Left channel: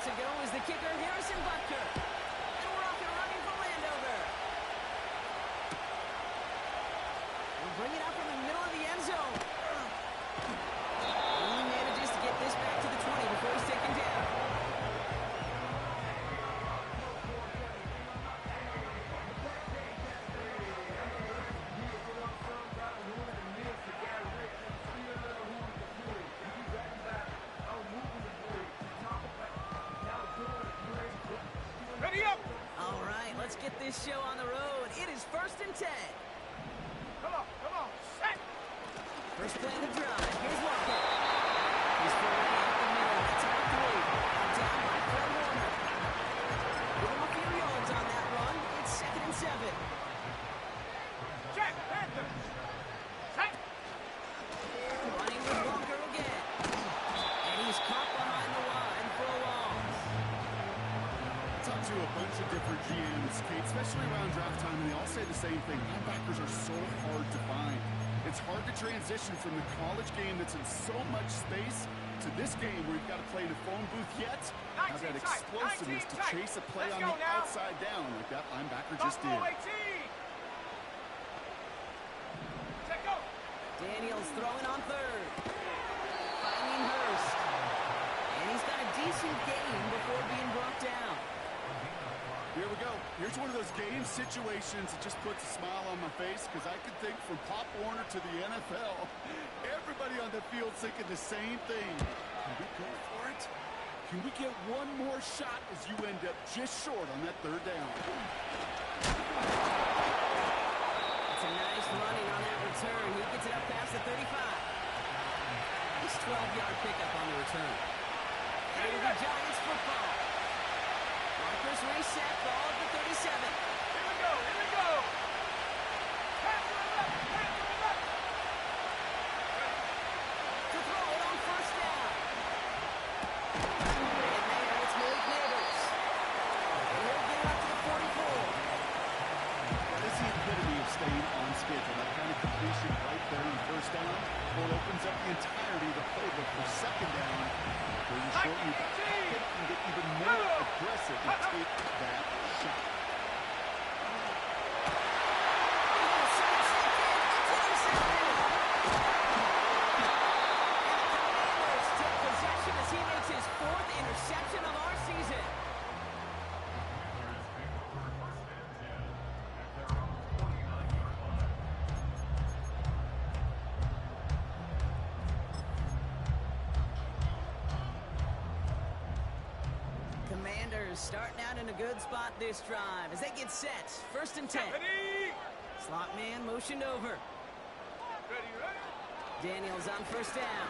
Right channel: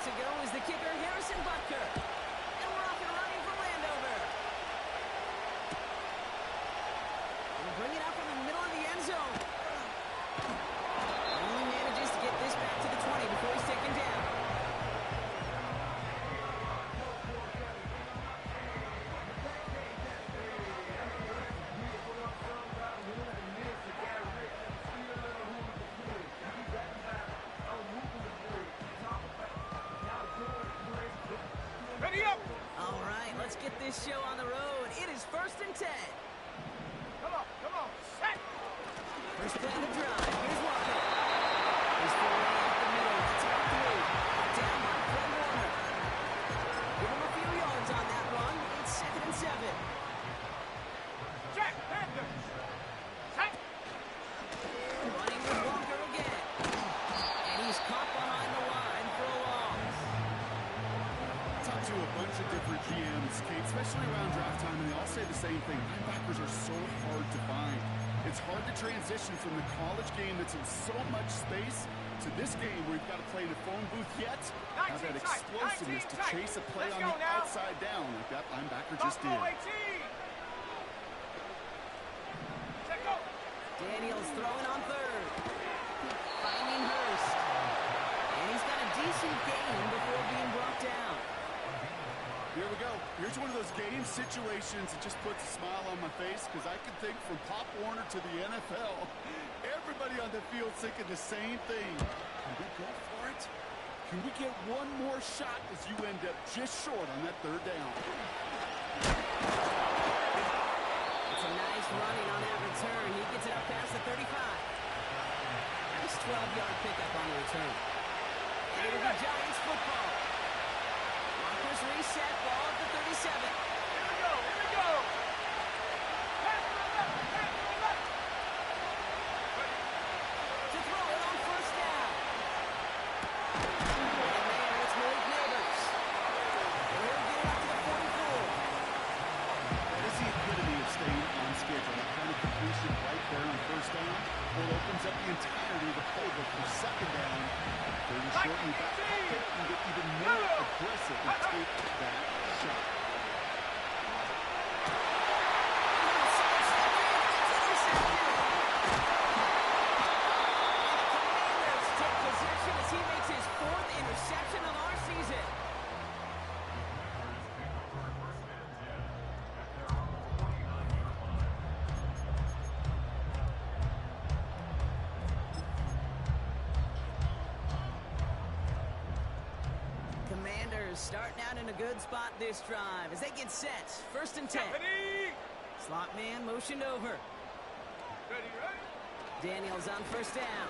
to go is the kicker, Harrison Butker. And we're off and running for Landover. We'll bring it out from the middle of the end zone. Only manages to get this back to the 20 before he's taken down. Ready up! All right, let's get this show on the road. It is 1st and 10. Come on, set! First play of the drive. Here's Walker. He's throwing out the middle. That's about 3. Down by Fred Warner. Give him a few yards on that run. It's 2nd and 7. Jack Panthers! Set! Running with Walker again. And he's caught behind the line for a loss. I talked to a bunch of different GMs, Kate, especially around draft time, and they all say the same thing. Linebackers are so hard to find. It's hard to transition from the college game that's in so much space to this game where you've got to play in a phone booth yet. Have that explosiveness to chase a play on the outside down like that linebacker just did. Check go! Daniels throwing on 3rd. Finding Hurst. And he's got a decent gain before being brought down. Here we go. Here's one of those game situations that just puts a smile on my face because I can think from Pop Warner to the NFL. Everybody on the field thinking the same thing. Can we go for it? Can we get one more shot as you end up just short on that 3rd down? It's a nice running on that return. He gets it up past the 35. Nice 12-yard pickup on the return. And it'll be Giants football. Marcus reset, ball at the 37. Here we go! Pass to the left! Ready? To throw it on 1st down. And there, it's Malik Neighbors. And he'll get it up to the 44. That is the epitome of staying on schedule. That kind of completion right there on 1st down. Or opens up the entirety of the playbook for 2nd down. 3rd and short, you back pocket and get even more aggressive and take that shot. It's intercepted. And the Commanders take possession as he makes his 4th interception of our season. Commanders starting out in a good spot this drive as they get set. 1st and 10. Ready? Slot man motioned over. Ready? Daniels on 1st down.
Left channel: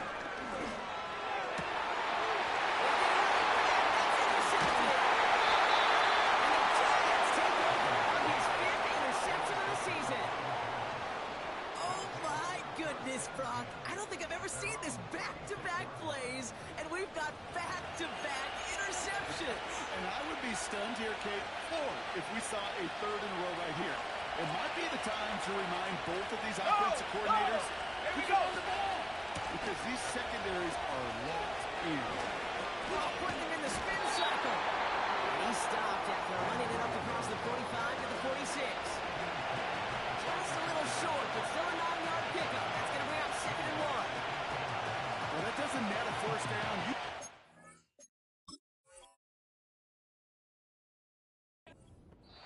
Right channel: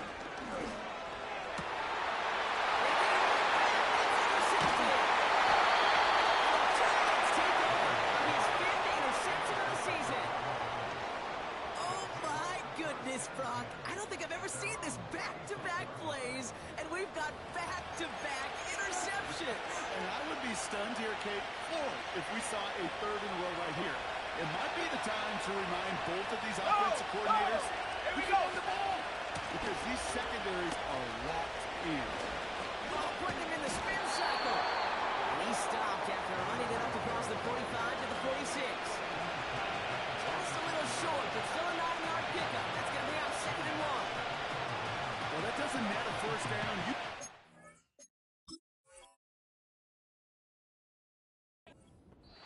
And the Giants take over on his 5th interception of the season. Oh my goodness, Brock. I don't think I've ever seen this back-to-back plays, and we've got back-to-back interceptions. And I would be stunned here, Kate, or if we saw a 3rd in a row right here. It might be the time to remind both of these offensive coordinators Here we who go! can run the ball because these secondaries are locked in. Ball putting him in the spin cycle. And he stopped after running it up across the 45 to the 46. Just a little short, but still a 9-yard pickup. That's going to bring out 2nd and 1. Well, that doesn't net a 1st down.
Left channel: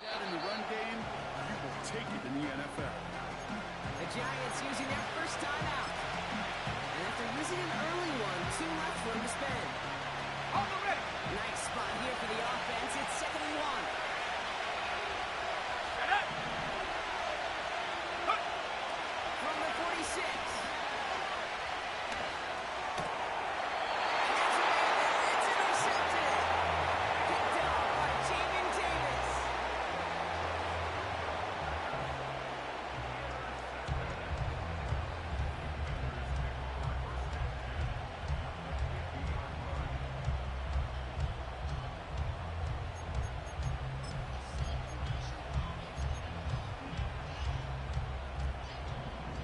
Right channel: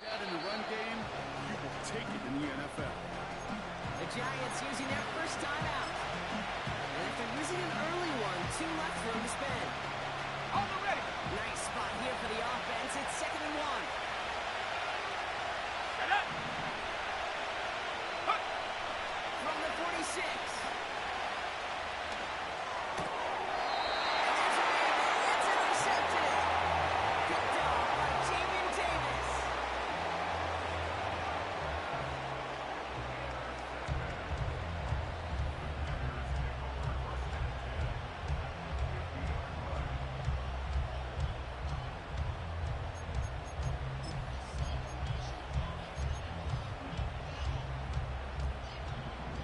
That in the run game, you will take it in the NFL. The Giants using their first time out. And after using an early one, 2 left for him to spend. On the ready! Nice spot here for the offense. It's 2nd and 1. Set up! From the 46. And there's a man there. It's intercepted. Picked off by Jamin Davis.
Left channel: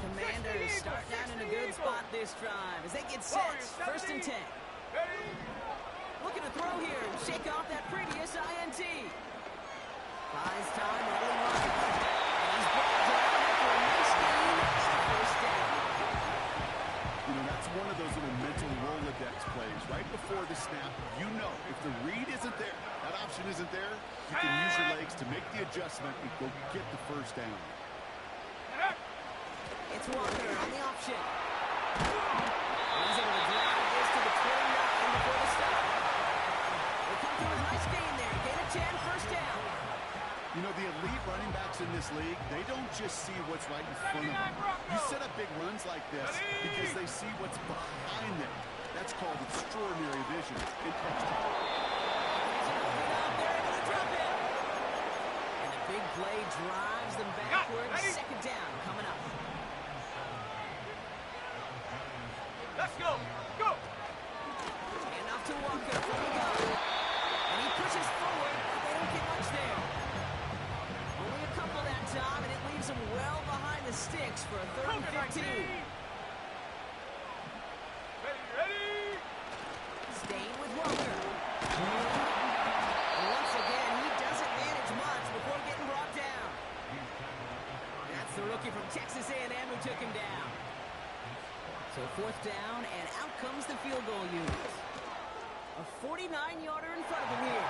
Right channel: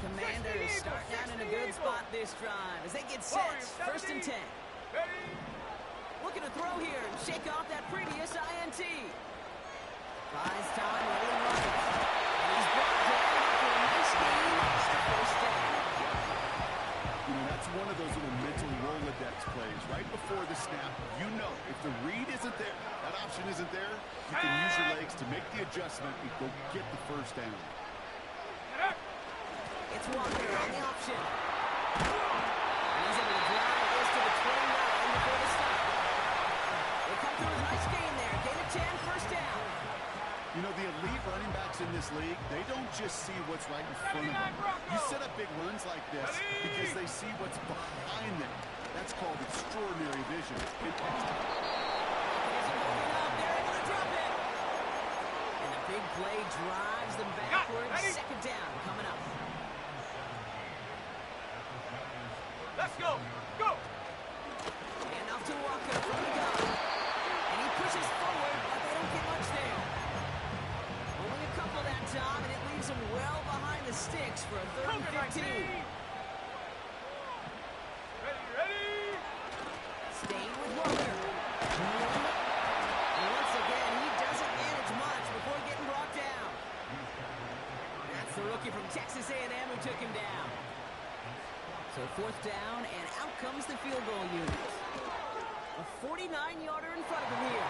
Commanders starting out in a good spot this drive as they get set. 1st and 10. Ready? Looking to throw here and shake off that previous INT. Buys time, rolling right. And he's brought down after a nice gain and a first down. You know, that's one of those little mental Rolodex plays. Right before the snap, you know if the read isn't there, that option isn't there, you can use your legs to make the adjustment and go get the first down. It's Walker on the option. And he's able to drive this to the 29 before the stop. They come through with a nice gain there. Gain of 10, first down. You know, the elite running backs in this league, they don't just see what's right in front of them. You set up big runs like this because they see what's behind them. That's called extraordinary vision. Isn't holding up. They're able to drop it. And the big play drives them backwards. Second down coming up. Let's go. Go. And off to Walker from the gun. And he pushes forward, but they don't get much there. Only a couple that time, and it leaves them well behind the sticks for a third and 15. Ready. Staying with Walker. And once again, he doesn't manage much before getting brought down. That's the rookie from Texas A&M who took him down. So fourth down, and out comes the field goal unit. A 49-yarder in front of him here.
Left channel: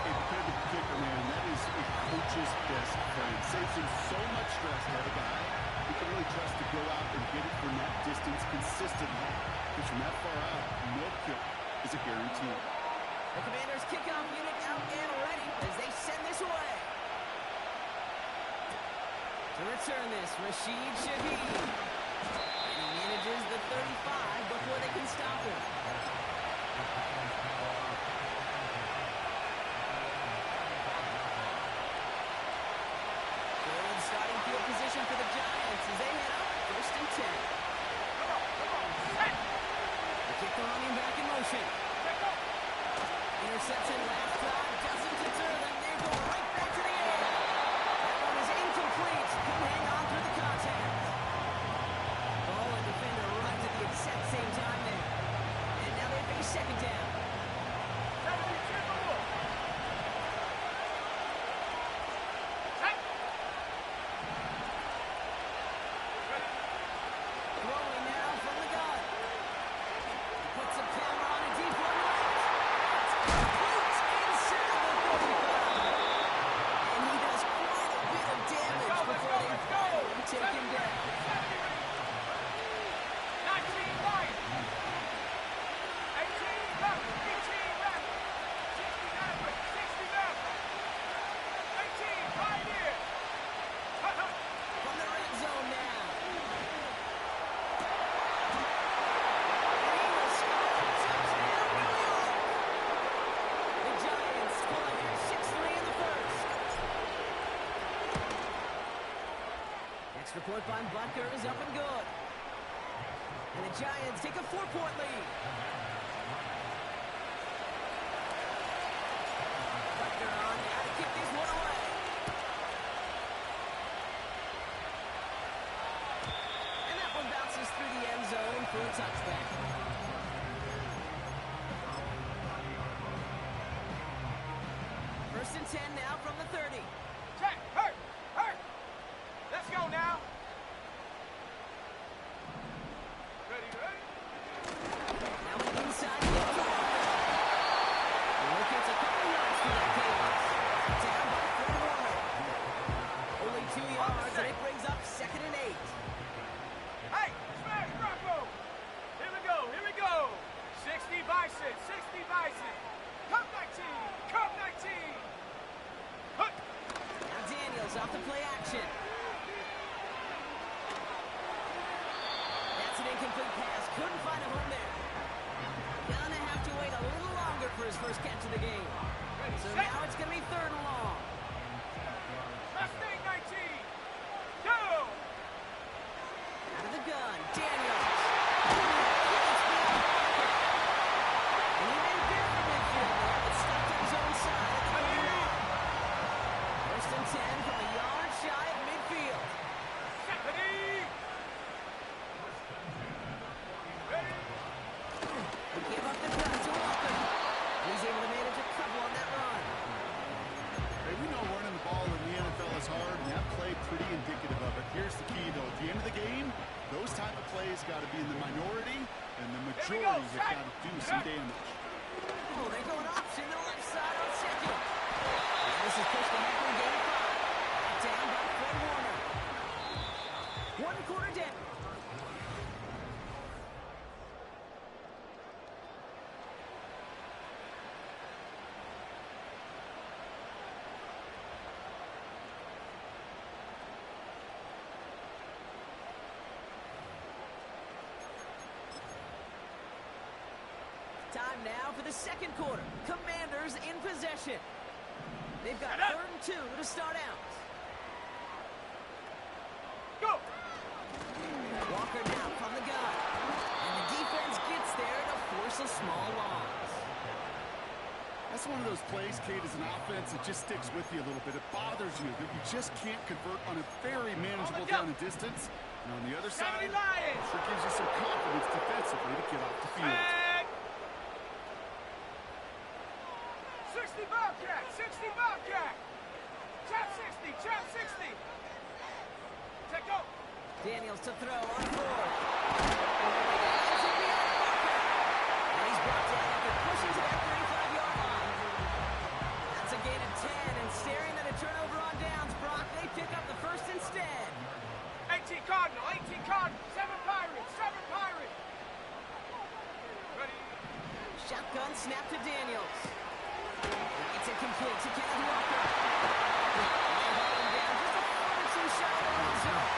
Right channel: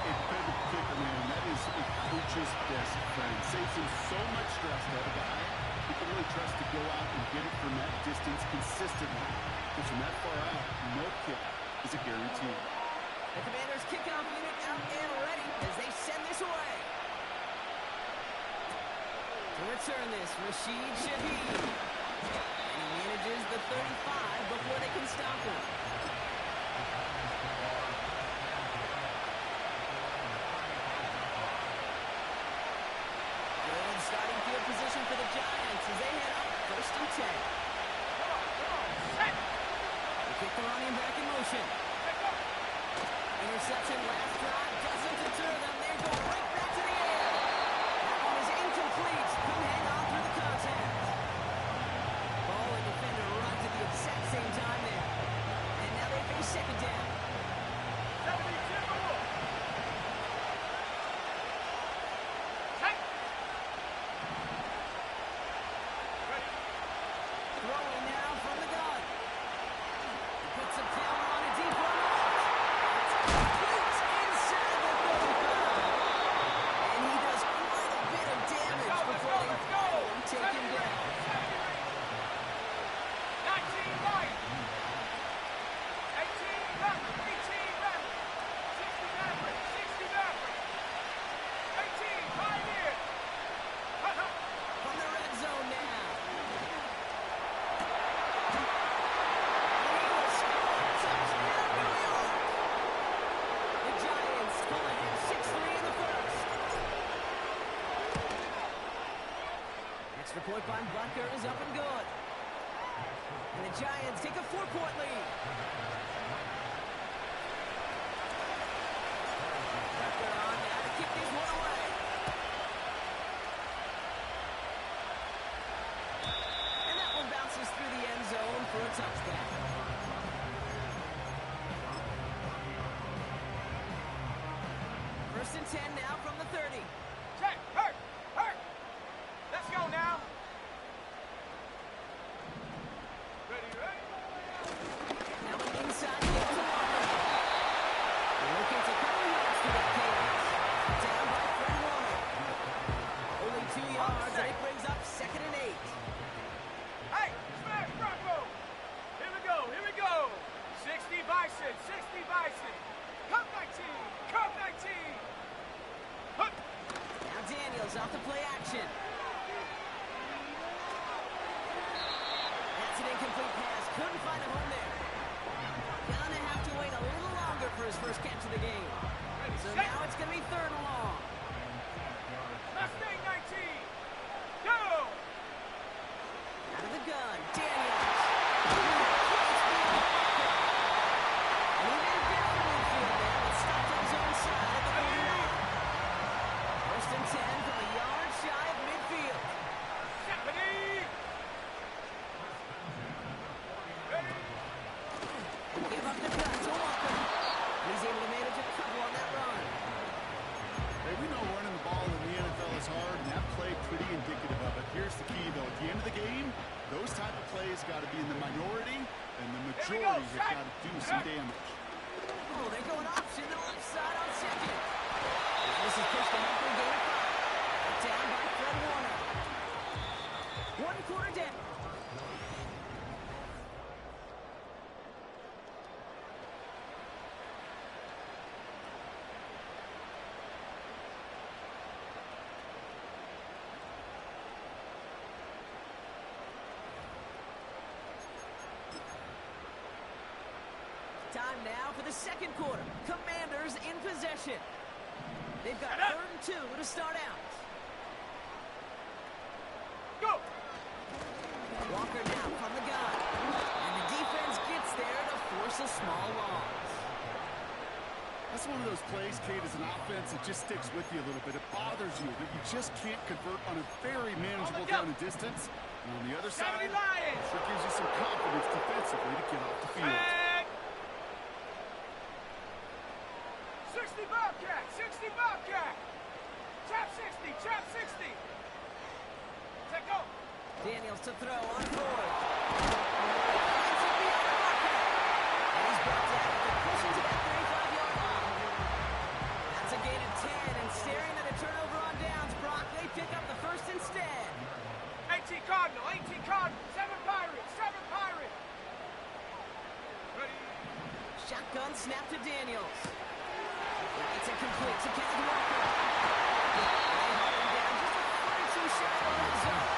A dependable kicker, man. That is a coach's best friend. Saves him so much stress to have a guy who can really trust to go out and get it from that distance consistently. Because from that far out, no kick is a guarantee. The Commanders' kickoff unit out and ready as they send this away. To return this, Rashid Shaheed. And he manages the 35 before they can stop him. Good starting field position for the Giants as they head up first and 10. Come on. Set. They kick the running back in motion. Check up. Interception last drive doesn't deter them. They're going right back to the air. That one is incomplete. Couldn't hang on through the contact. Ball and defender runs at the exact same time there. And now they face second down. 70 Timberwolves. Set. Ready. Throwing now from the gun. He puts a power on a deep one right. It's complete inside the 35. And he does quite a bit of damage before they finally take him down. 70 Rangers. 19 Lions. 18 Raptors. 18 Raptors. 60 Mavericks. 60 Mavericks. 18 Pioneers. Hut. From the red zone now. And he will score. Touchdown, New York. The Giants pull ahead 6-3 in the first. Extra point by Butker is up and good. And the Giants take a 4-point lead. Butker on now to kick this one away. And that one bounces through the end zone for a touchback. First and 10 now from the 30. Check. Hurt. Let's go now. Ready. Now inside the end zone. He locates a couple yards through that chaos. Down by Fred Warner. Only 2 yards, and it brings up second and 8. Hey, smash Bronco. Here we go. 60 Bison. Cup 19. Hut. Now Daniels off the play action. That's an incomplete pass. Couldn't find a home there. Gonna have to wait a little longer for his first catch of the game. Ready, So set. now it's gonna be third and long. Mustang 19. Go. Out of the gun, Daniels. It's beyond Walker. And he made a bid for midfield there, but stopped at his own side at the goal line. First and 10 from a yard shy of midfield. Stephanie. Ready. Give up the cut to the end of the game, those type of plays got to be in the minority, and the majority have got to do some damage. Oh, they're going option to the left side on second. And this is pushed ahead for game 5. Down by Fred Warner. 1 quarter down. Time now for the second quarter. Commanders in possession. They've got 3rd and 2 to start out. Go! Walker now from the gun. And the defense gets there to force a small loss. That's one of those plays, Kate, as an offense, it just sticks with you a little bit. It bothers you that you just can't convert on a very manageable down and distance. And on the other side, it sure gives you some confidence defensively to get off the field. 60 Bobcat! 60 Bobcat! Trap 60! Trap 60! Check go! Daniels to throw on 4th. Lines it beyond Walker. And he's brought down after pushing to that 35-yard line. That's a gain of 10, and staring at a turnover on downs, Brock, they pick up the first instead. 18 Cardinal! 18 Cardinal! 7 Pirates! 7 Pirates! Ready? Shotgun snap to Daniels. It's incomplete to Kenneth Walker. They haul him down just a foot or two shy of the red zone.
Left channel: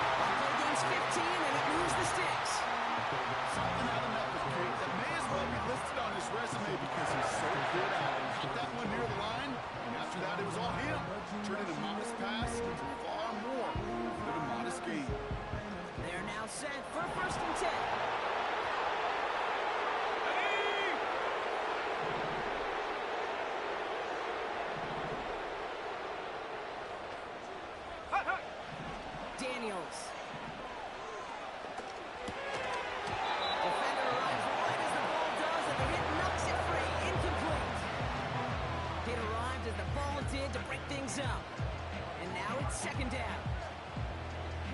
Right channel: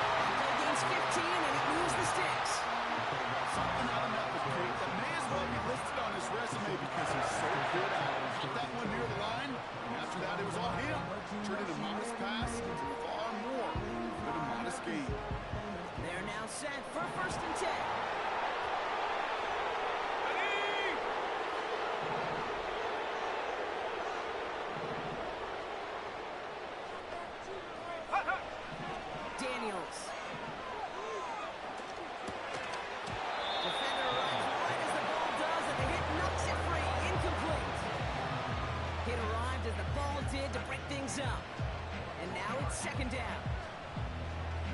That play gains 15, and it moves the sticks. Something out of nothing, Kate, that may as well be listed on his resume because he's so good at it. Got that one near the line, and after that it was all him. Turning a modest pass into far more than a modest gain. They're now set for 1st and 10. Daniels. Defender arrives right as the ball does, and the hit knocks it free. Incomplete. Hit arrived as the ball did to break things up. And now it's 2nd down.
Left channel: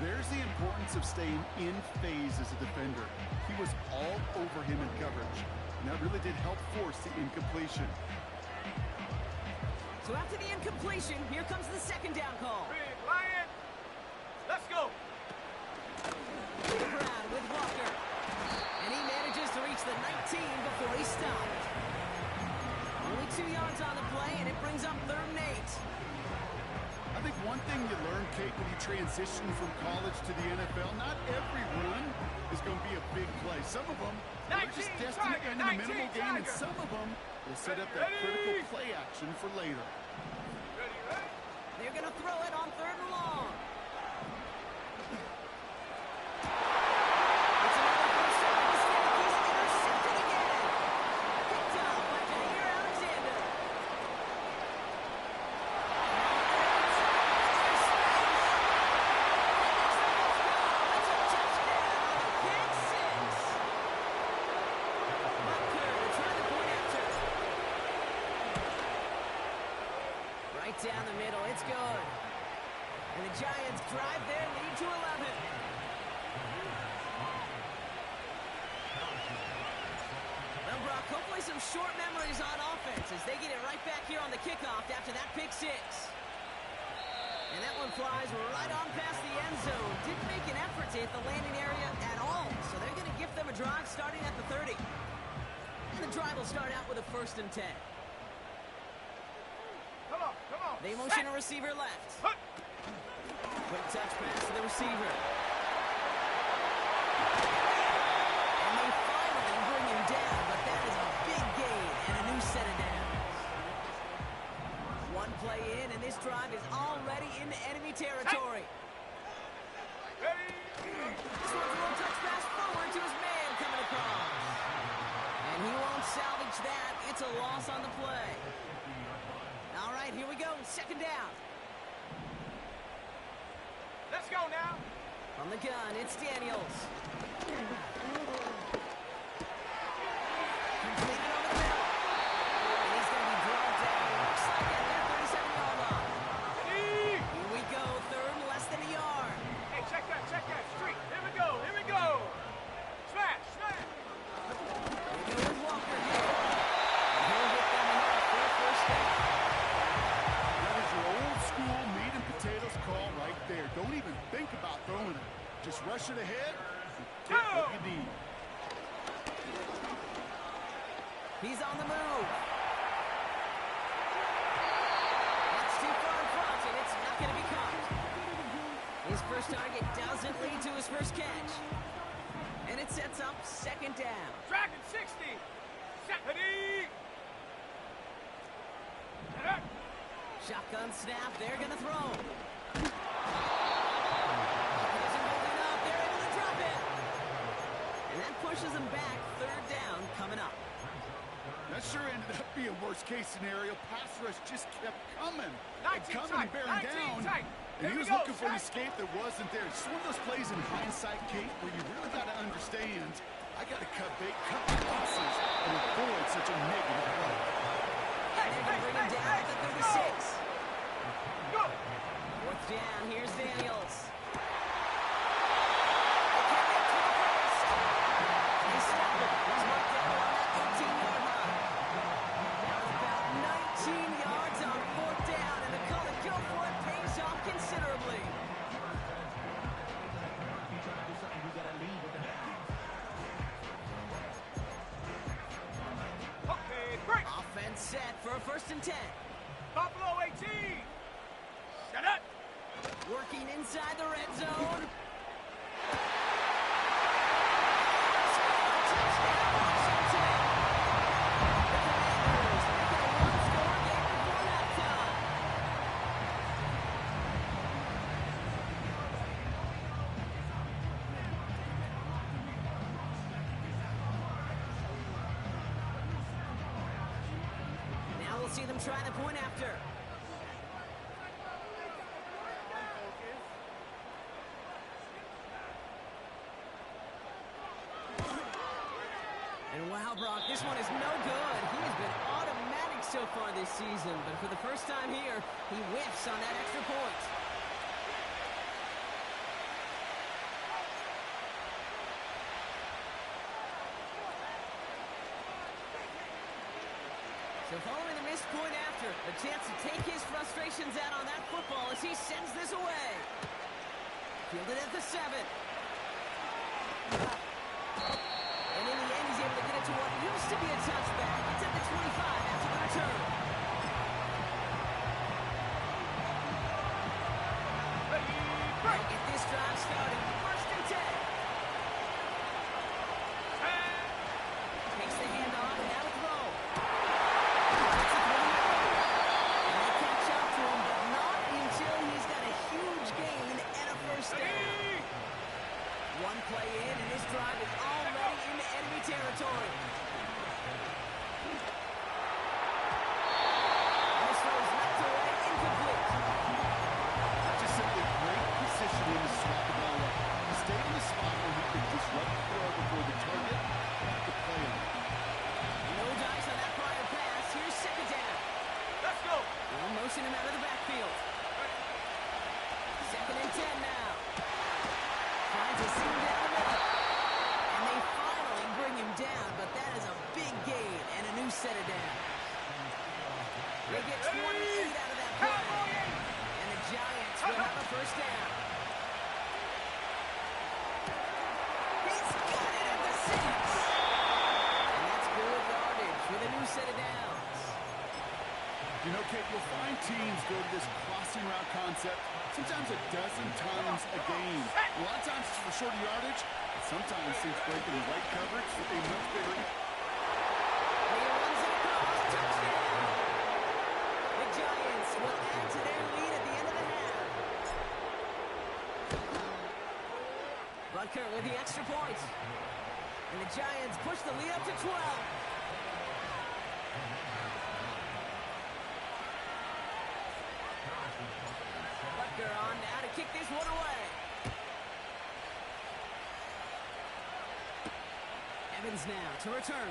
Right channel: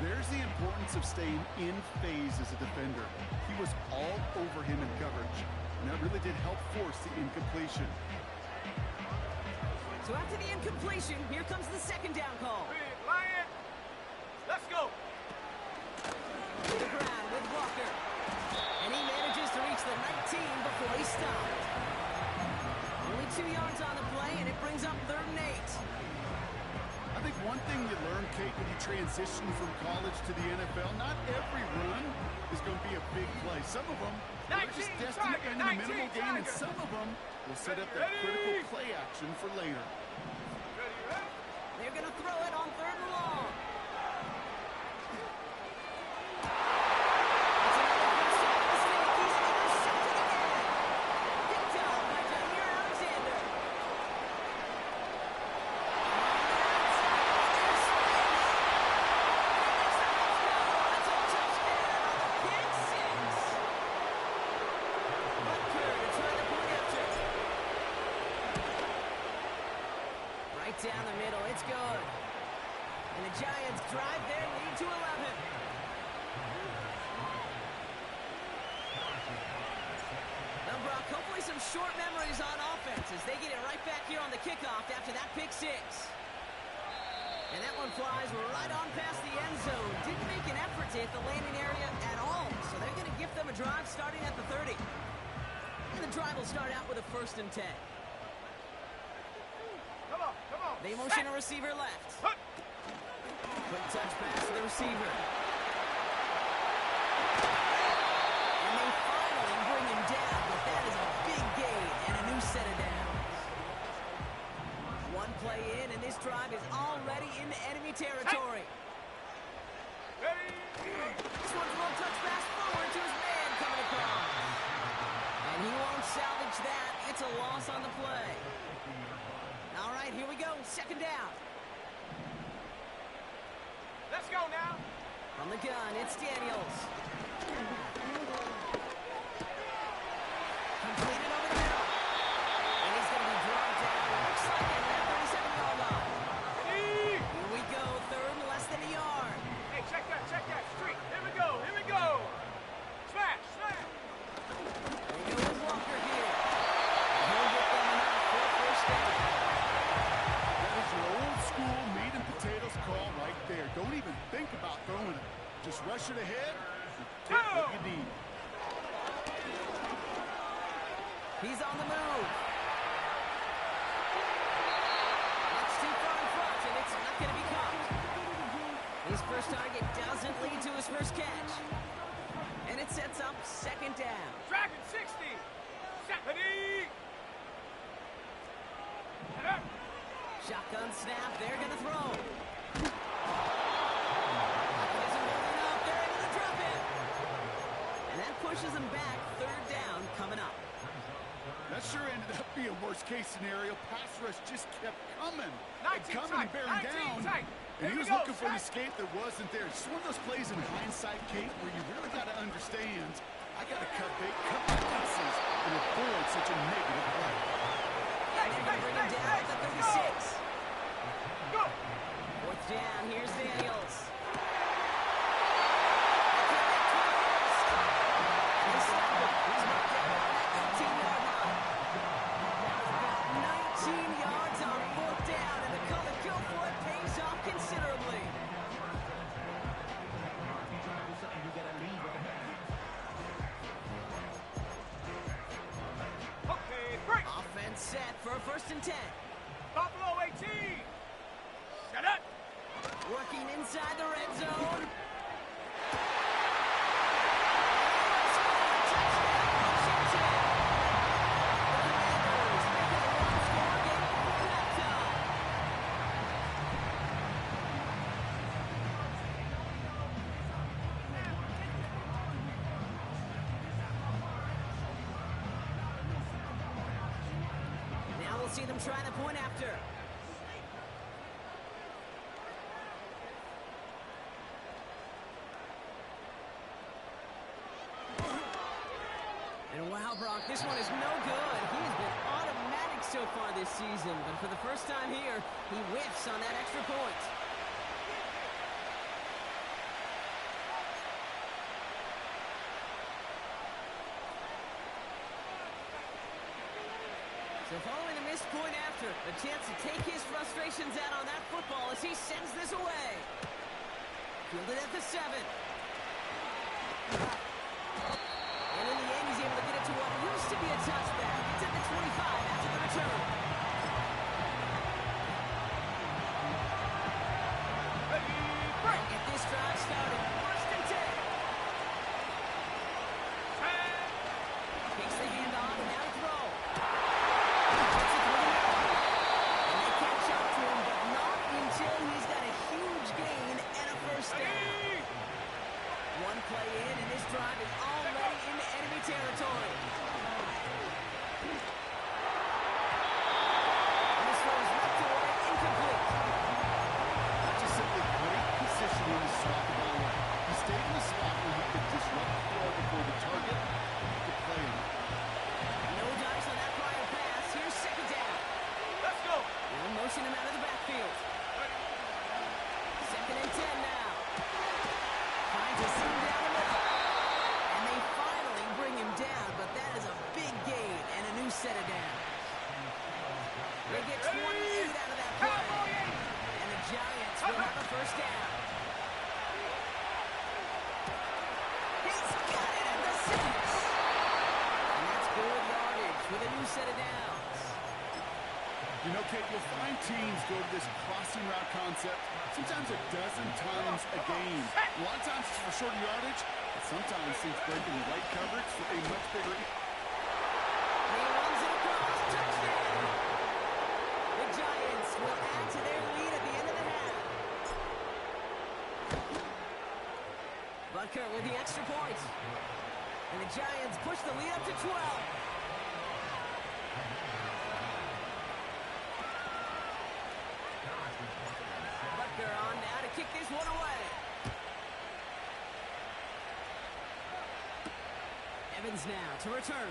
There's the importance of staying in phase as a defender. He was all over him in coverage, and that really did help force the incompletion. So after the incompletion, here comes the 2nd down call. Big Lion! Let's go! Brown with Walker. And he manages to reach the 19 before he stopped. Only 2 yards on the play, and it brings up 3rd and 8. I think one thing you learn, Kate, when you transition from college to the NFL, not every run is going to be a big play. Some of them are just destined to end in a minimal gain, and some of them will set up that critical play action for later. Ready, ready? They're going to throw it on 3rd and long. It's another first down mistake. He's intercepted again. Picked up by Jair Alexander. There's space. Let's go. That's a touchdown on the pick 6. Butker to try the point after. Right down the middle. It's good. And the Giants drive their lead to 11. Well, Brock, hopefully some short memories on offense as they get it right back here on the kickoff after that pick 6. And that one flies right on past the end zone. Didn't make an effort to hit the landing area at all. So they're going to gift them a drive starting at the 30. And the drive will start out with a 1st and 10. Come on, come on. They motion a receiver left. Hut. Quick touch pass to the receiver. And they finally bring him down, but that is a big gain and a new set of downs. One play in, and this drive is already into enemy territory. Ready? This one's a little touch pass forward to his man coming across. And he won't salvage that. It's a loss on the play. All right, here we go. 2nd down. Let's go now. From the gun, it's Daniels. Completed over the middle. And he's going to be dragged down. Looks like at that 37-yard line. Ready? Here we go. 3rd and less than a yard. Hey, check Just rush it ahead and get what you need. He's on the move. That's too far in front, and it's not going to be caught. His first target doesn't lead to his first catch. And it sets up second down. Dragon 60. Ready. Shotgun snap. They're going to throw. Pocket isn't holding up. They're able to drop it. And that pushes them back. Third down coming up. That sure ended up being worst-case scenario. Pass rush just kept coming. Tight, Bearing down. tight. And he was Go, looking for an set. escape that wasn't there. It's one of those plays in hindsight, Kate, where you really got to understand, I got to cut bait, cut my losses, and avoid such a negative play. And they're going to bring him down at the 36. Go. Fourth down. Here's Daniels. They can't get to the first. And they stop him. He's marked down on that 18-yard line. Now about 19 yards on fourth down, and the call to go for it pays off considerably. Okay, break. Offense set for a 1st and 10. Buffalo 18. Set up. Working inside the red zone. Score, touchdown, Washington. The Commanders make it a one-score game before halftime. Now we'll see them try the point after. And wow, Brock, this one is no good. He has been automatic so far this season, but for the first time here, he whiffs on that extra point. So following the missed point after, a chance to take his frustrations out on that football as he sends this away. Fielded at the 7. And in the end, he's able to get it to what used to be a touchback. It's at the 25 after the return. Ready, break. They'll get this drive started. 1st and 10. Takes the handoff, now to throw. Gets it through the middle. And they catch up to him, but not until he's got a huge gain and a 1st down. One play in, and this drive is already into enemy territory. And this throw is knocked away, incomplete. Not just simply great positioning to swat the ball away. He stayed in the spot where he could disrupt the throw before the target could play on it. No dice on that prior pass. Here's 2nd down. Let's go. They'll motion him out of the backfield. 2nd and 10 now. Finds a seam down the middle. And they finally bring him down, but that is a big gain and a new set of downs. They get 28 out of that play. And the Giants will have a 1st down. He's got it at the 6. And that's good yardage with a new set of downs. You know, Kate, you'll find teams go to this crossing route concept sometimes a dozen times a game. A lot of times it's for shorter yardage, but sometimes teams breaking the right coverage for a much bigger. He runs it across. Touchdown! The Giants will add to their lead at the end of the half. Butker with the extra point. And the Giants push the lead up to 12. Butker on now to kick this one away. Evans now to return.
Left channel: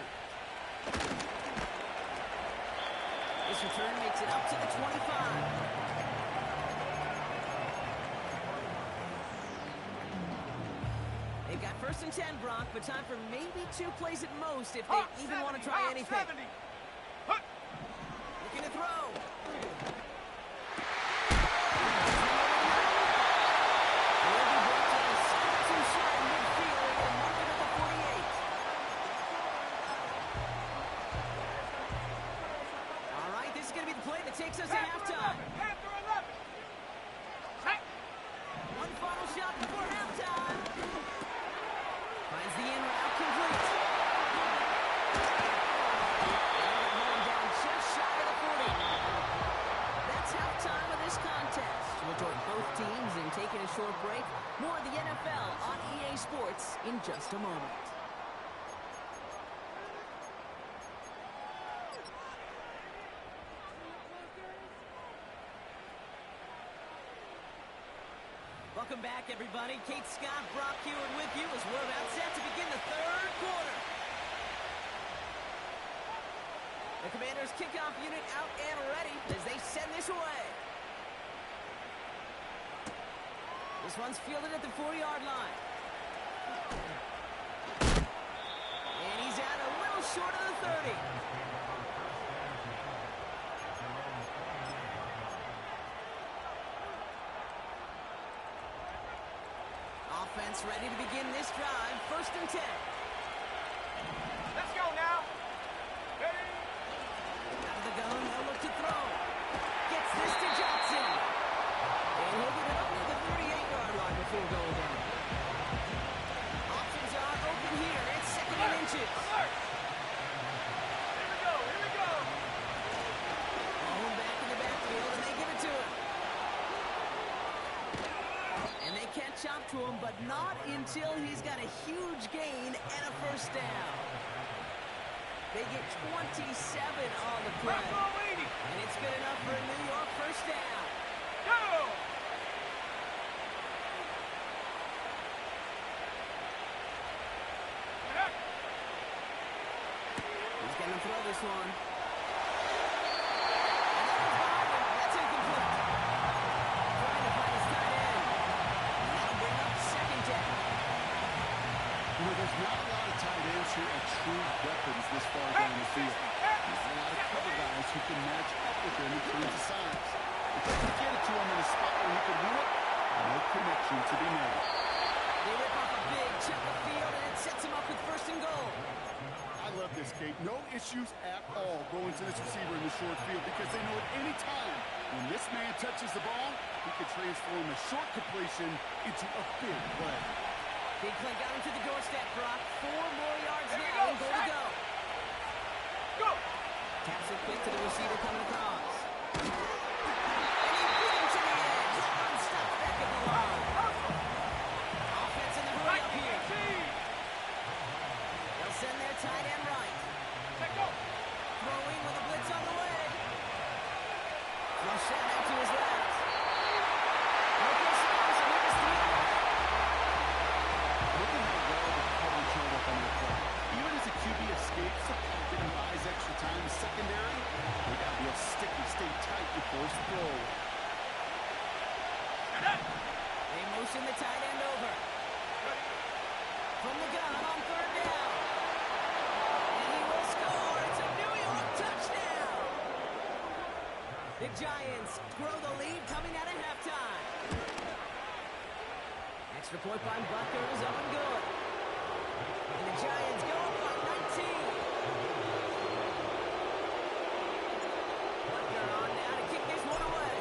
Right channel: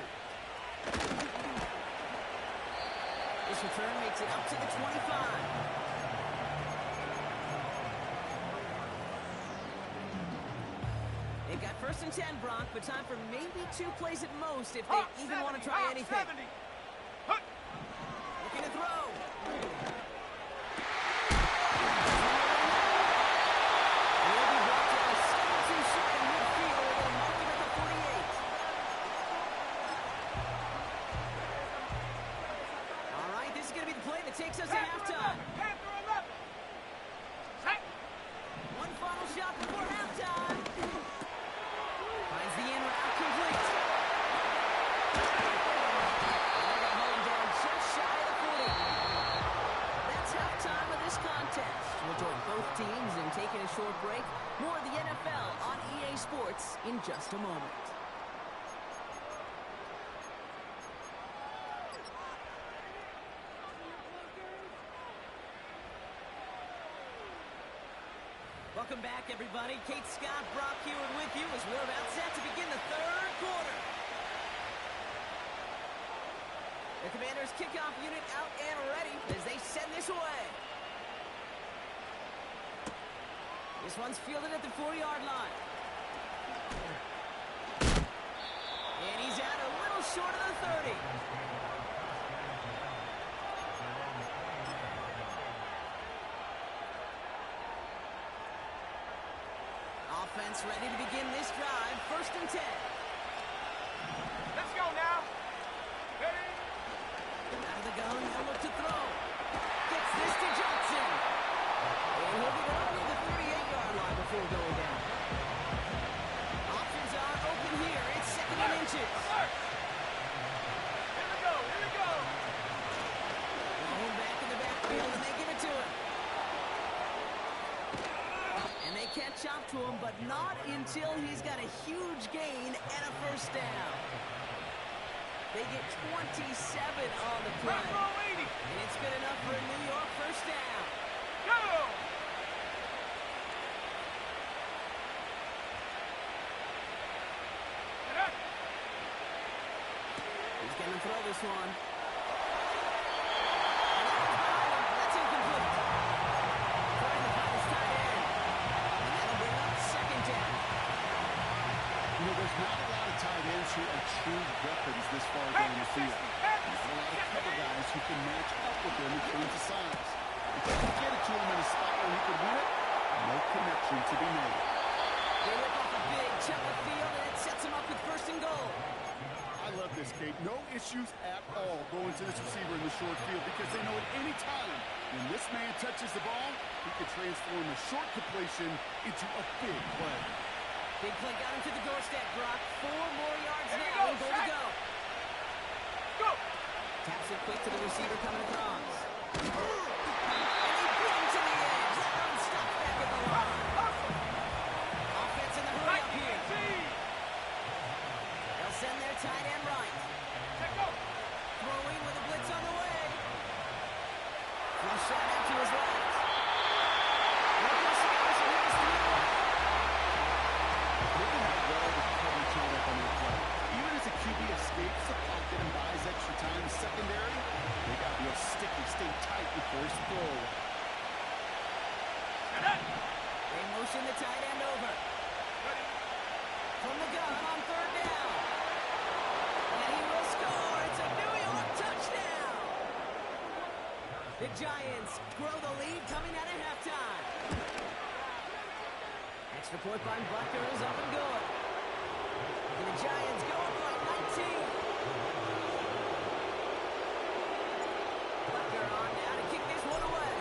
This return makes it up to the 25. They've got 1st and 10, Brock, but time for maybe 2 plays at most if they even want to try anything. 70. Looking to throw. Will be brought down 17 takes us to halftime. Panther 11. Set. One final shot before halftime. Finds the in route complete. They're going to hold him down just shy of the 40. That's halftime of this contest. We'll join both teams in taking a short break. More of the NFL on EA Sports in just a moment. Welcome back, everybody. Kate Scott, Brock Hewitt with you as we're about set to begin the third quarter. The Commanders' kickoff unit out and ready as they send this away. This one's fielded at the 40-yard line. And he's out a little short of the 30. Offense ready to begin this drive. 1st and 10. Let's go now. Ready? Out of the gun, they'll look to throw. Gets this to Johnson. And he'll get it up near the 38-yard line before going down. Options are open here. It's 2nd and inches. Alert! Here we go, here we go. Home back in the backfield, and they give it to him. And they catch up to him, but not until he's got a huge gain and a 1st down. They get 27 on the play. And it's good enough for a New York 1st down. Go! Get up! He's going to throw this one. And that one's behind him. That's incomplete. Trying to find his tight end. And that'll bring up 2nd down. You know, there's not a lot of tight ends who are true weapons this far down the field. Not a lot of cover guys who can match up with him in terms of size. If you can get it to him in a spot where he could win it, no connection to be made. They rip off a big chunk of field, and it sets him up with 1st and goal. I love this, Kate. No issues at all going to this receiver in the short field because they know at any time when this man touches the ball, he can transform a short completion into a big play. Big play got him to the doorstep, Brock. 4 more yards Here we now, go, and goal to go. Go! Taps it quick to the receiver coming across. And he beat him to the edge. That run stopped back at the line. Hustle! Offense in the hurry up here. 19. They'll send their tight end right. Set go! Throwing with a blitz on the way. Flush shot out to his left. No place to go, so he was 3 away. Look at how well the coverage held up on their play. Even as a QB escapes the pocket and buys extra time secondary, they got real sticky, stay tight, and force the throw away. They motion the tight end over. Ready? From the gun on 3rd down. And he will score. It's a New York touchdown. The Giants grow the lead coming out of halftime. Extra point by Butker is up and good. And the Giants go up by 19. Butker on now to kick this one away.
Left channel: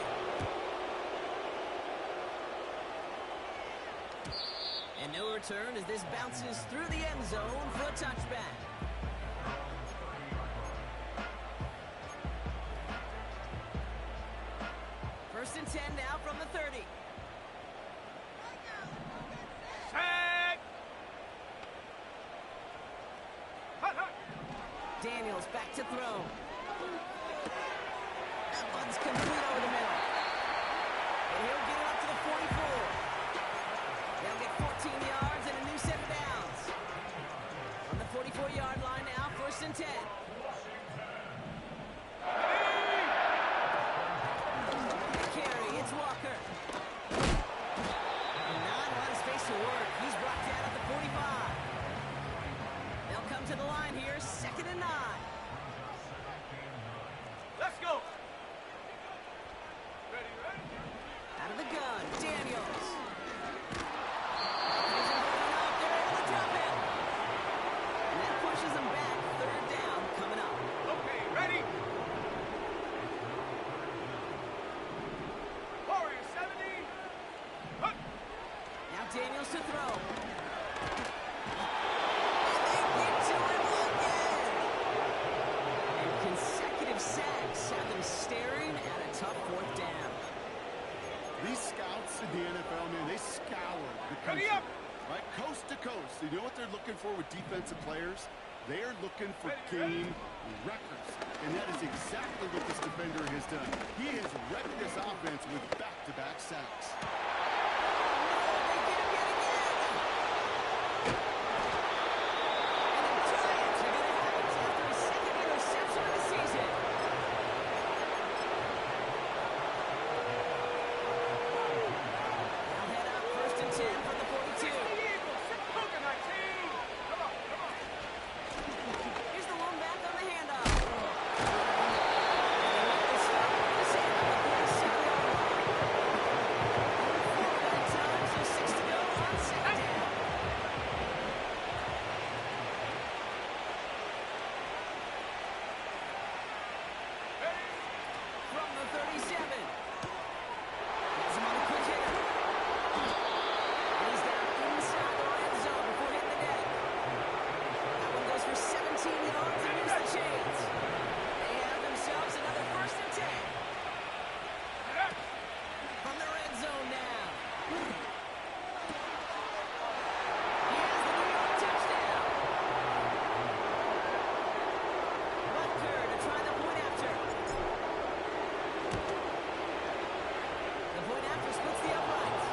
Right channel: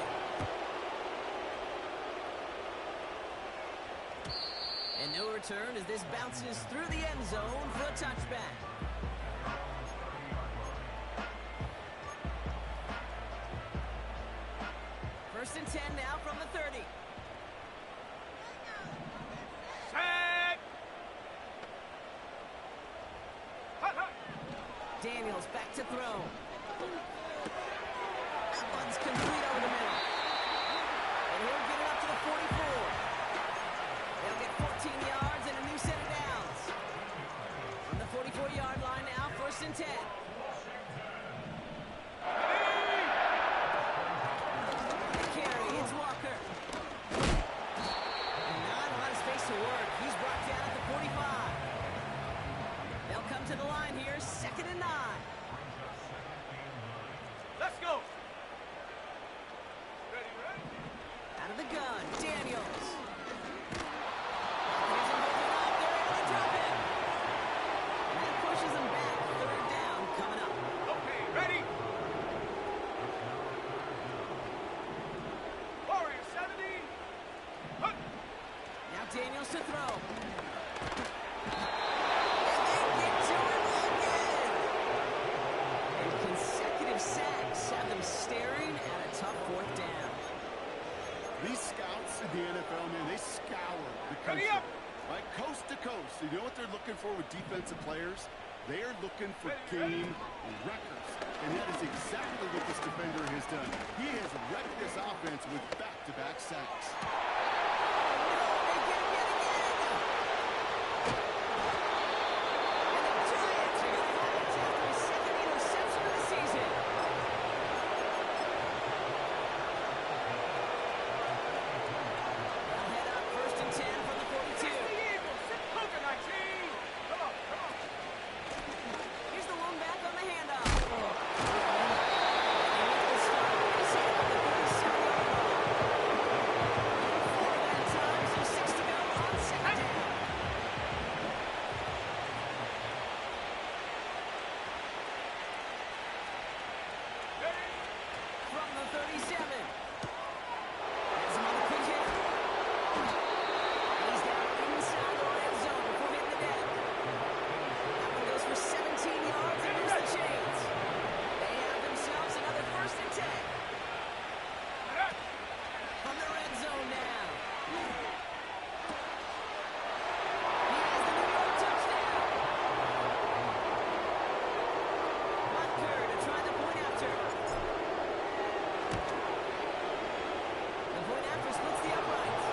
And no return as this bounces through the end zone for a touchback. First and 10 now from the 30. Set! Hut, hut! Daniels back to throw. That one's complete over the middle. And he'll get it up to the 44. They'll get 14 yards and a new set of downs. On the 44-yard line now, 1st and 10. The carry, it's Walker. And not a lot of space to work. He's brought down at the 45. They'll come to the line here, 2nd and 9. Let's go! Ready, ready? Out of the gun, Daniels. He isn't holding up. They're able to drop it. And that pushes them back. 3rd down coming up. Okay, ready? to throw. And they get to him again. And consecutive sacks have them staring at a tough fourth down. These scouts in the NFL, man, they scour the country, right, coast to coast. You know what they're looking for with defensive players? They are looking for game records. And that is exactly what this defender has done. He has wrecked this offense with back-to-back sacks. Oh, no, they get him yet again. And the Giants are going to have it after his second interception of the season. They'll head up 1st and 10 from the 42. It's the Eagles. Sit coconut team. Come on, come on. Here's the one back on the handoff. And they make the stop. This hit on the 37-yard line. 4 that time, so 6 to go on second down. Ready? From the 37. Has him on a quick hitter. And he's down inside the red zone before hitting the deck. That one goes for 17 yards and moves the chains. They have themselves another 1st and 10. From the red zone now. He has the New York touchdown. Butker to try the point after. The point after splits the uprights.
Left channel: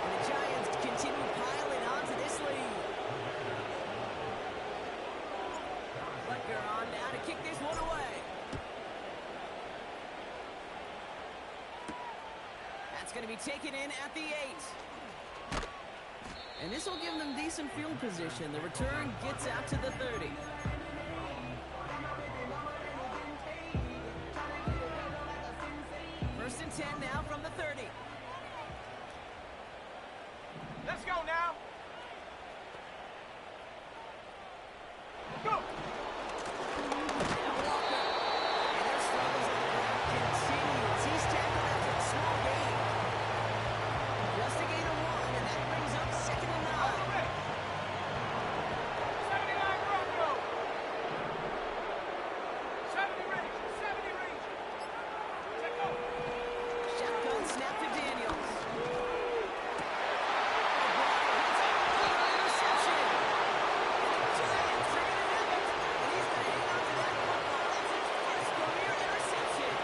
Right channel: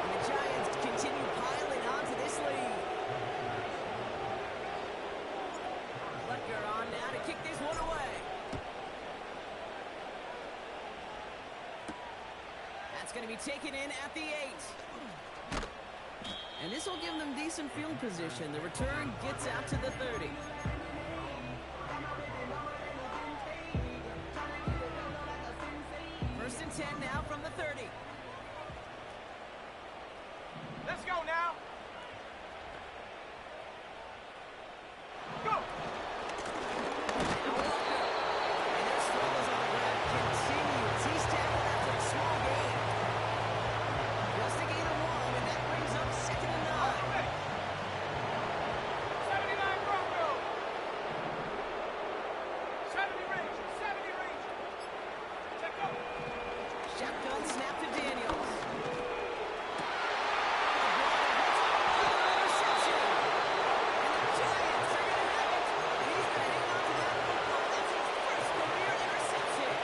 And the Giants continue piling onto this lead. Butker on now to kick this one away. That's going to be taken in at the 8. And this will give them decent field position. The return gets out to the 30. First and 10 now from the 30. Let's go now. Go. Now Walker. And their struggles on the ground continue as he's tackled after a small gain. Just a gain of 1, and that brings up 2nd and 9. Ready. 79 Broncos. 70 Rangers. 70 Rangers. Check go. Shotgun snap to Daniels. O'Brien hits another interception. And the Giants are going to have it. And he's going to hang on to that football. That's his first career interception.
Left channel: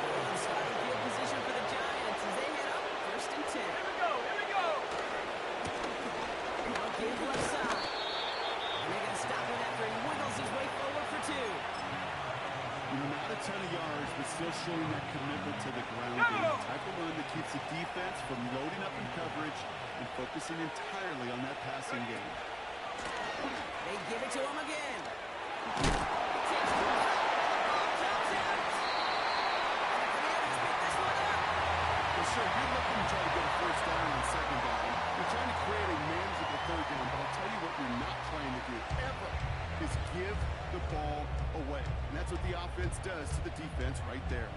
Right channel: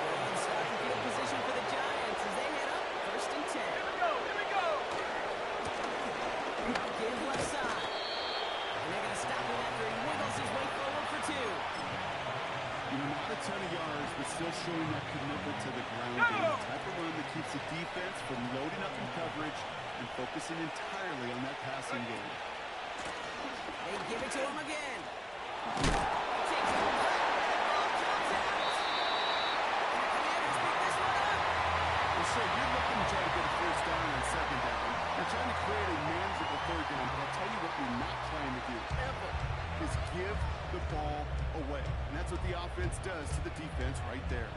Good starting field position for the Giants as they head up 1st and 10. Here we go. Here we go. Now give left side. And they're going to stop him after he wiggles his way forward for 2. You know, not a ton of yards, but still showing that commitment to the ground game. The type of run that keeps the defense from loading up in coverage and focusing entirely on that passing game. They give it to him again. He takes the cut, and the ball comes out. And the Commanders pick this one up. Well, sure, you're looking to try to get a first down on second down. You're trying to create a manageable third down, but I'll tell you what you're not trying to do, ever, is give the ball away. And that's what the offense does to the defense right there.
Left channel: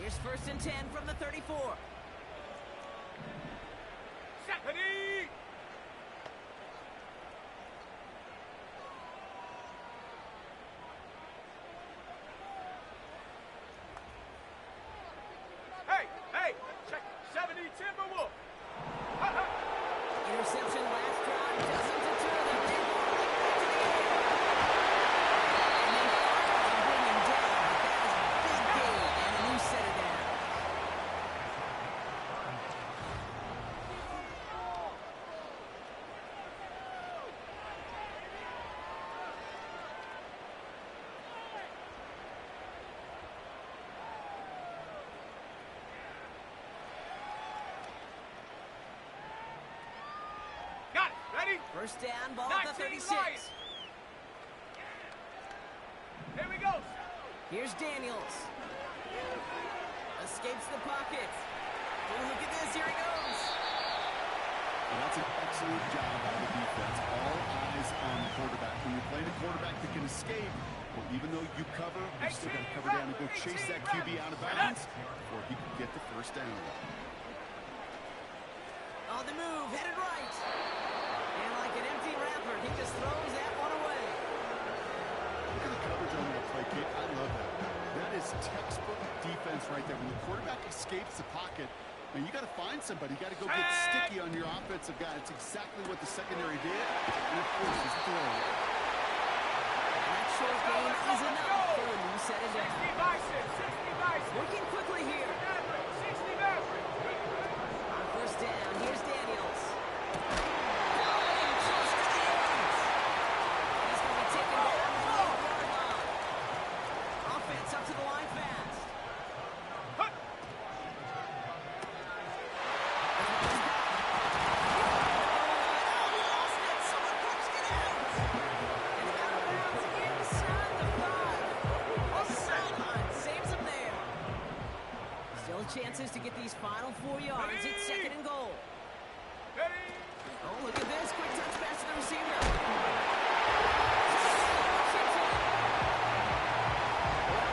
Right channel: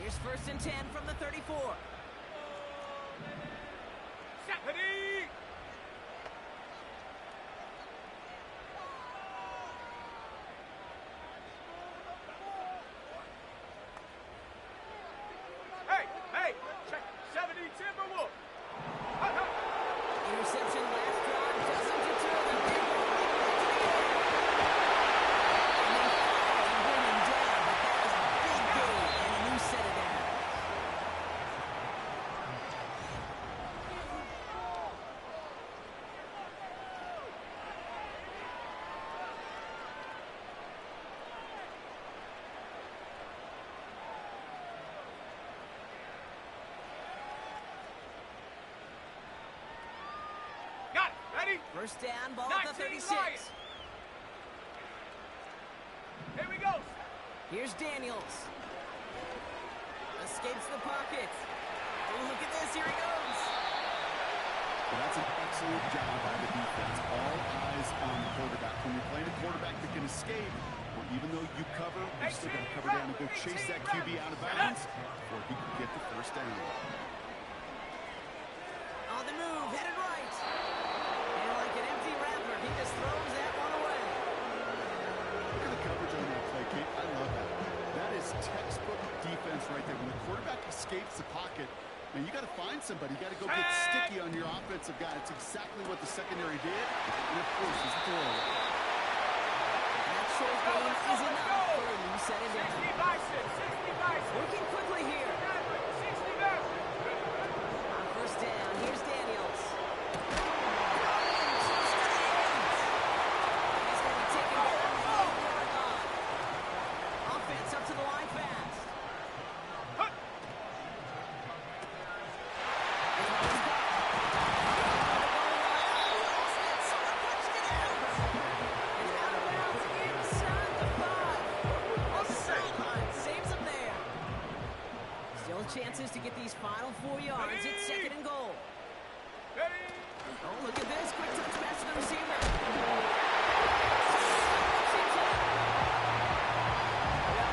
Here's 1st and 10 from the 34. Ready. Hey, hey, check 70 Timberwolf. Hut, hut. Interception last drive doesn't deter them. They roll right back to the air. And they finally bring him down, but that is a big gain and a new set of downs. Got it. Ready? First down, ball at the 19 36. Lions. Here we go. Here's Daniels. Escapes the pocket. Oh, look at this. Here he goes. Well, that's an excellent job by the defense. All eyes on the quarterback. When you're playing a quarterback that can escape, where even though you cover, you still got to cover down and go chase that QB out of bounds before he could get the first down. On the move, headed right. And like an empty wrapper, he just throws that one away. Look at the coverage on that play, Kate. I love that. That is textbook defense right there. When the quarterback escapes the pocket, man, you got to find somebody. You got to go get sticky on your offensive guy. It's exactly what the secondary did, and it forces the throw. That short gain is enough for a new set of down. 60 by 6, 60 by 6. Working quickly here. 60 Maverick. On first down, here's Daniels. Going close to the 8. He's going to be taken down at the 8-yard line. Offense up to the line fast. Chances to get these final 4 yards. It's second and goal. Ready? Oh, look at this. Quick touch pass to the receiver. Well,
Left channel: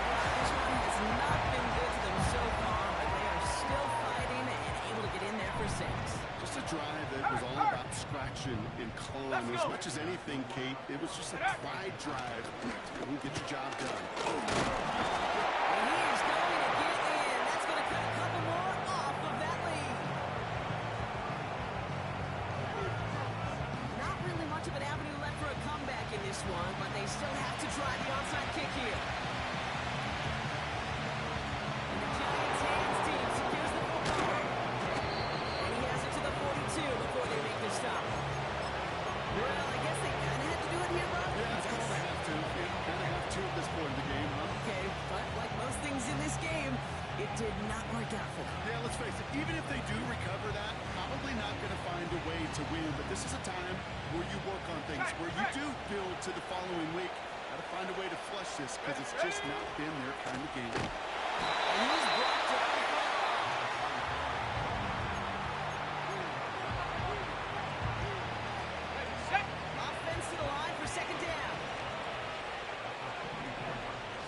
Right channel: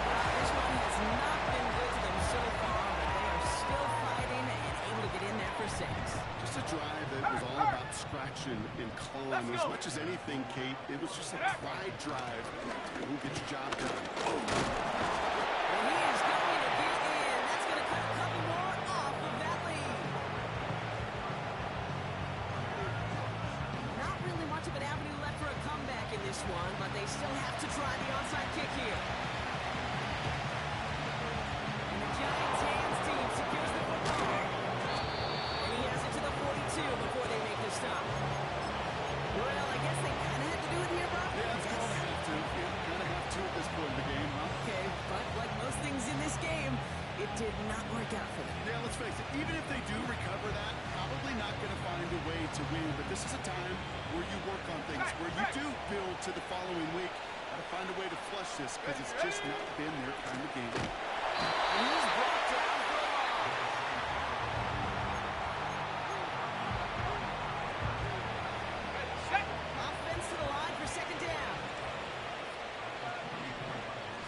Brock, this one has not been good to them so far, but they are still fighting and able to get in there for 6. Just a drive that was all about scratching and clawing. As much as anything, Kate, it was just a pride drive. We'll get your job done. And he is going to get in. That's going to cut a couple more off of that lead. Not really much of an avenue left for a comeback in this one, but they still have to try the onside kick here. And the Giants' hands team secures the football. And he has it to the 42 before they make the stop. Well, I guess they kind of had to do it here, bro. Yeah, it's called a have to. Yeah, kind of have to at this point in the game, huh? Okay, but like most things in this game, it did not work out for them. Yeah, let's face it, even if they do recover that, probably not going to find a way to win. But this is a time where you work on things, where you do build to the following week. Got to find a way to flush this because it's just not been their kind of game. And he's brought down for a loss. Ready, set. Offense to the line for second down.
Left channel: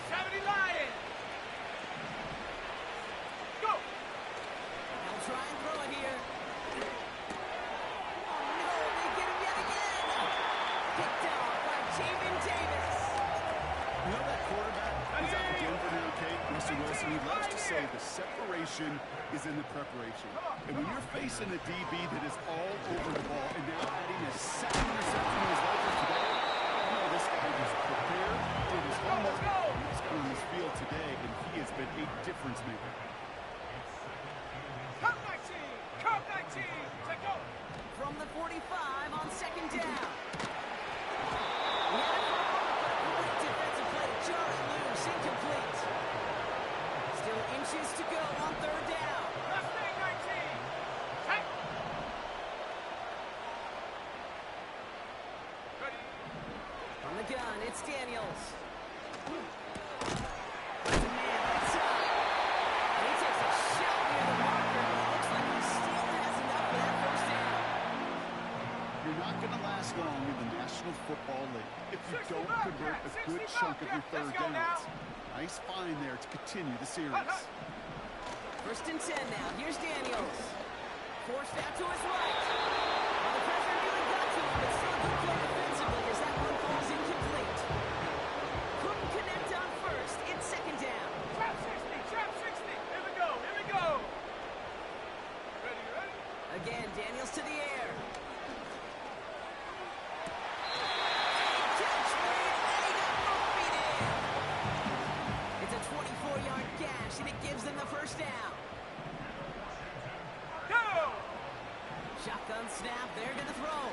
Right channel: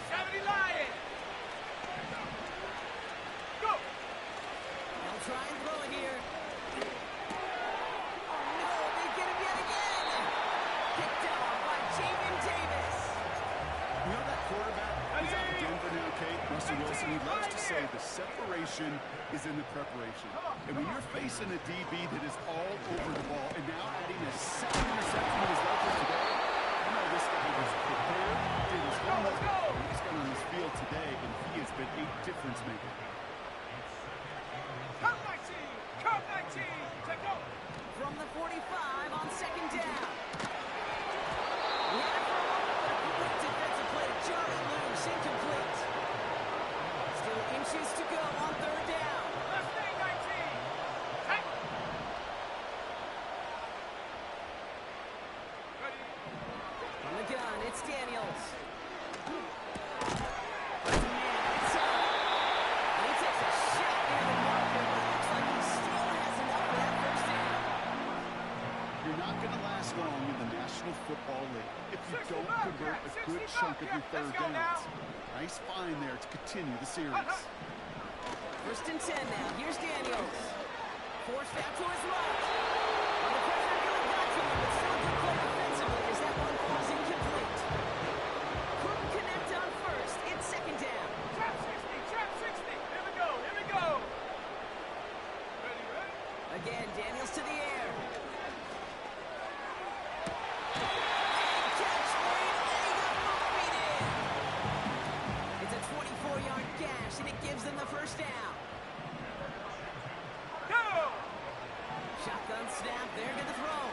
70 Lion. Go. They'll try and throw it here. Oh no, they get him yet again. Picked off by Jamin Davis. You know that quarterback is out of Denver now, Kate, Russell Wilson, he loves to say the separation is in the preparation. And when you're facing a DB that is all over the ball and now adding a second interception to his ledger today, you know this guy was prepared, did his homework, and he's got on this field today, and he has been a difference maker. Come 19. Come 19. Take go. From the 45 on second down. He had it for a moment, but a great defensive play to jar it loose. Incomplete. Still inches to go on third down. Left thing 19. Take. Ready. From the gun, it's Daniels. Finds a man right side. And he takes a shot near the marker, but it looks like he still has enough for that first down. You're not going to last long in the National Football League if you 60 don't convert a good Bobcat, chunk of your third let's go downs. now. Nice find there to continue the series. First and 10 now. Here's Daniels. Forced out to his right. Well, the pressure nearly got to him, but still a good play defensively as that one falls incomplete. Couldn't connect on first. It's second down. Trap 60. Trap 60. Here we go. Here we go. Ready, ready. Again, Daniels to the air. Big catch made, and he got both feet in. It's a 24-yard gash, and it gives them the first down. Go. Shotgun snap, there to the throw.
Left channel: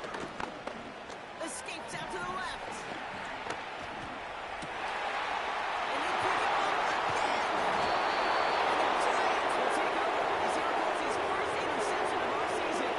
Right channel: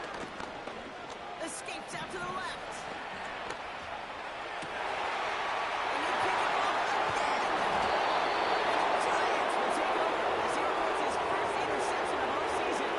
Escapes out to the left. And they pick him up again. And the Giants will take over as he records his first interception of our season.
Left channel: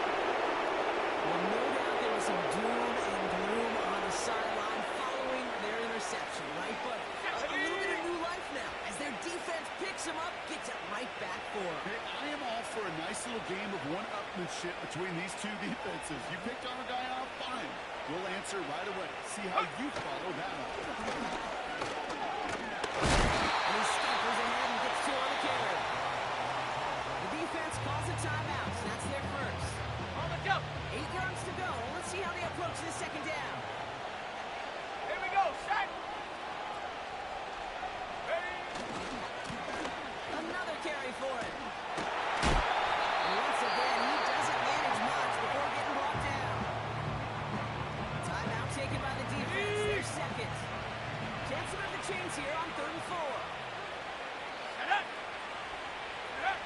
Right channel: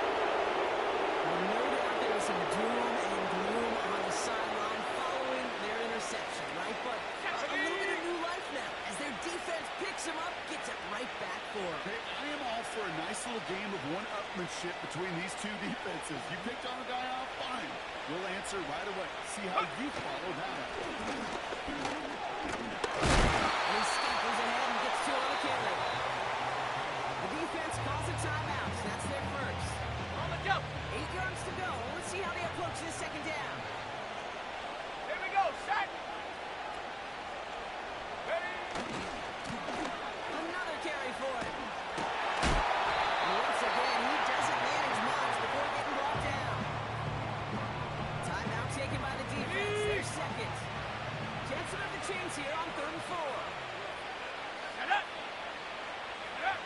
Well, no doubt there was some doom and gloom on the sideline following their interception, right? But a little bit of new life now as their defense picks him up, gets it right back for him. Hey, I am all for a nice little game of one-upmanship between these two defenses. You picked on a guy off, fine. We'll answer right away. See how you follow that up. scampers ahead and gets 2 on the carry. The defense calls a timeout. So that's their first. On the jump. 8 yards to go. Let's see how they approach this second down. Here we go. Set. Ready. Another carry for him. And once again, he doesn't manage much before getting brought down. Timeout taken by the defense. Their second. Chance to move the chains here on 3rd and 4. Set up. Set up.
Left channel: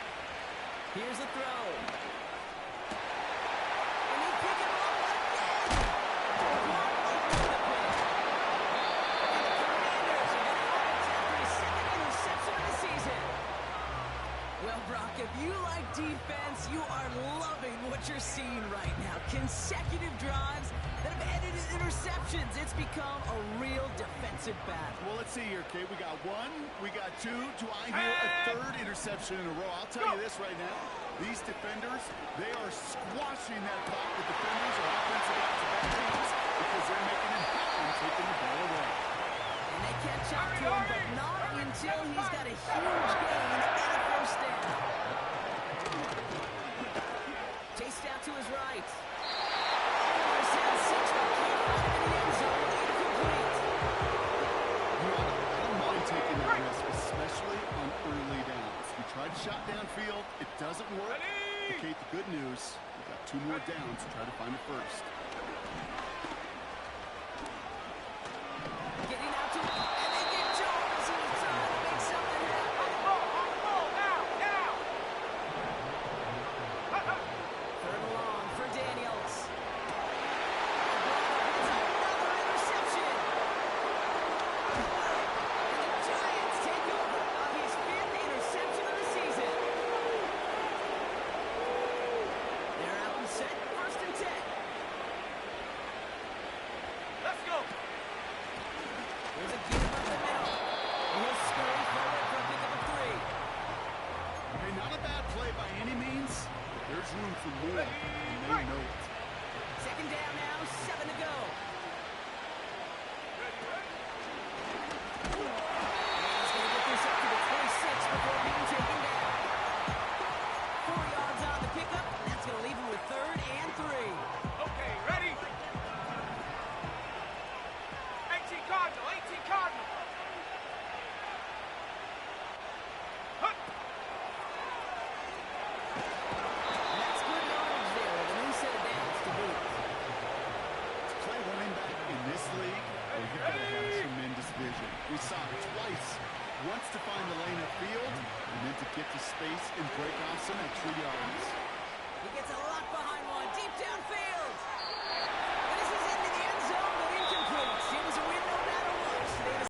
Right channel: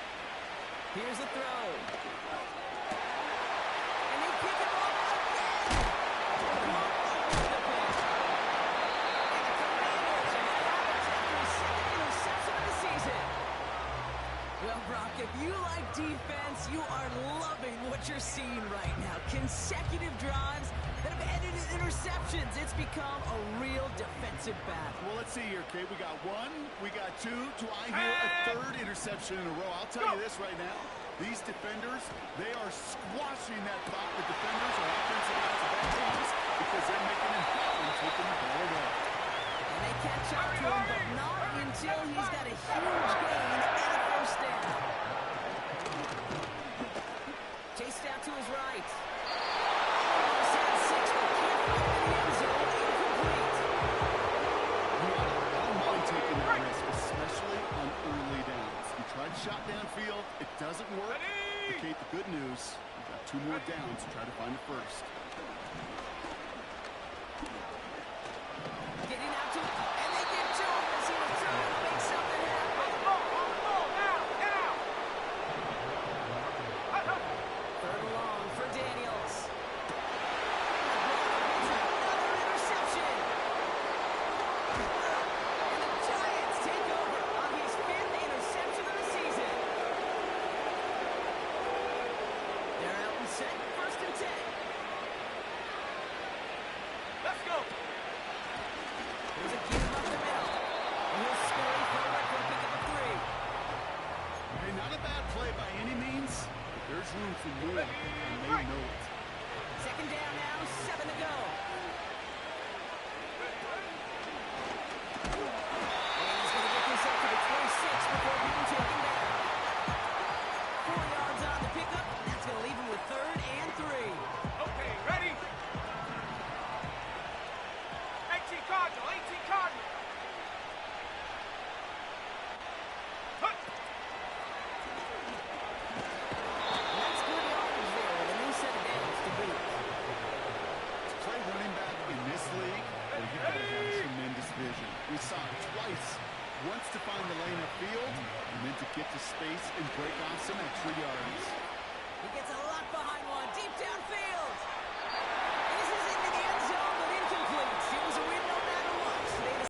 Here's the throw. And they pick him up again. Blocked over the pin. And the Commanders are going to have it after his 2nd interception of the season. Well, Brock, if you like defense, you are loving what you're seeing right now. Consecutive drives that have ended in interceptions. It's become a real defensive battle. Well, let's see here, Kate. We got 1, we got 2. Do I hear a 3rd interception in a row? I'll tell you this right now. These defenders, they are squashing that clock. The defenders are offensive guys of bad teams because they're making it happen, taking the ball away. And they catch up to him, but not until he's got a huge gain and a first down. Chased out to his right. Almost had 6, but can't find him in the end zone. Incomplete. I don't mind taking that risk, especially on early downs. You tried to shot downfield, it doesn't work. But Kate, the good news, we've got 2 more downs to try to find the first. Getting out to him, and they get to him as he was trying to make something happen. On the ball, now, now. 3rd and long for Daniels. It's another interception. And the Giants take over on his 5th interception of the season. They're out and set, 1st and 10. Let's go. There's a give up the middle. And he'll scurry forward for a pickup of 3. Hey, not a bad play by any means, but there's room for more, and they know it. 2nd down now, 7 to go. Ready, ready. And he's going to get this up to the 26 before being taken down. 4 yards on the pickup, and that's going to leave him with 3rd and 3. Okay, ready. 18 Cardinal, 18 Cardinal. Hut. And that's good yardage there with a new set of downs to boot. To play running back in this league, well, you've got to have tremendous vision. We saw it twice. Once to find the lane upfield, and then to get to space and break off some extra yards. He gets a lot behind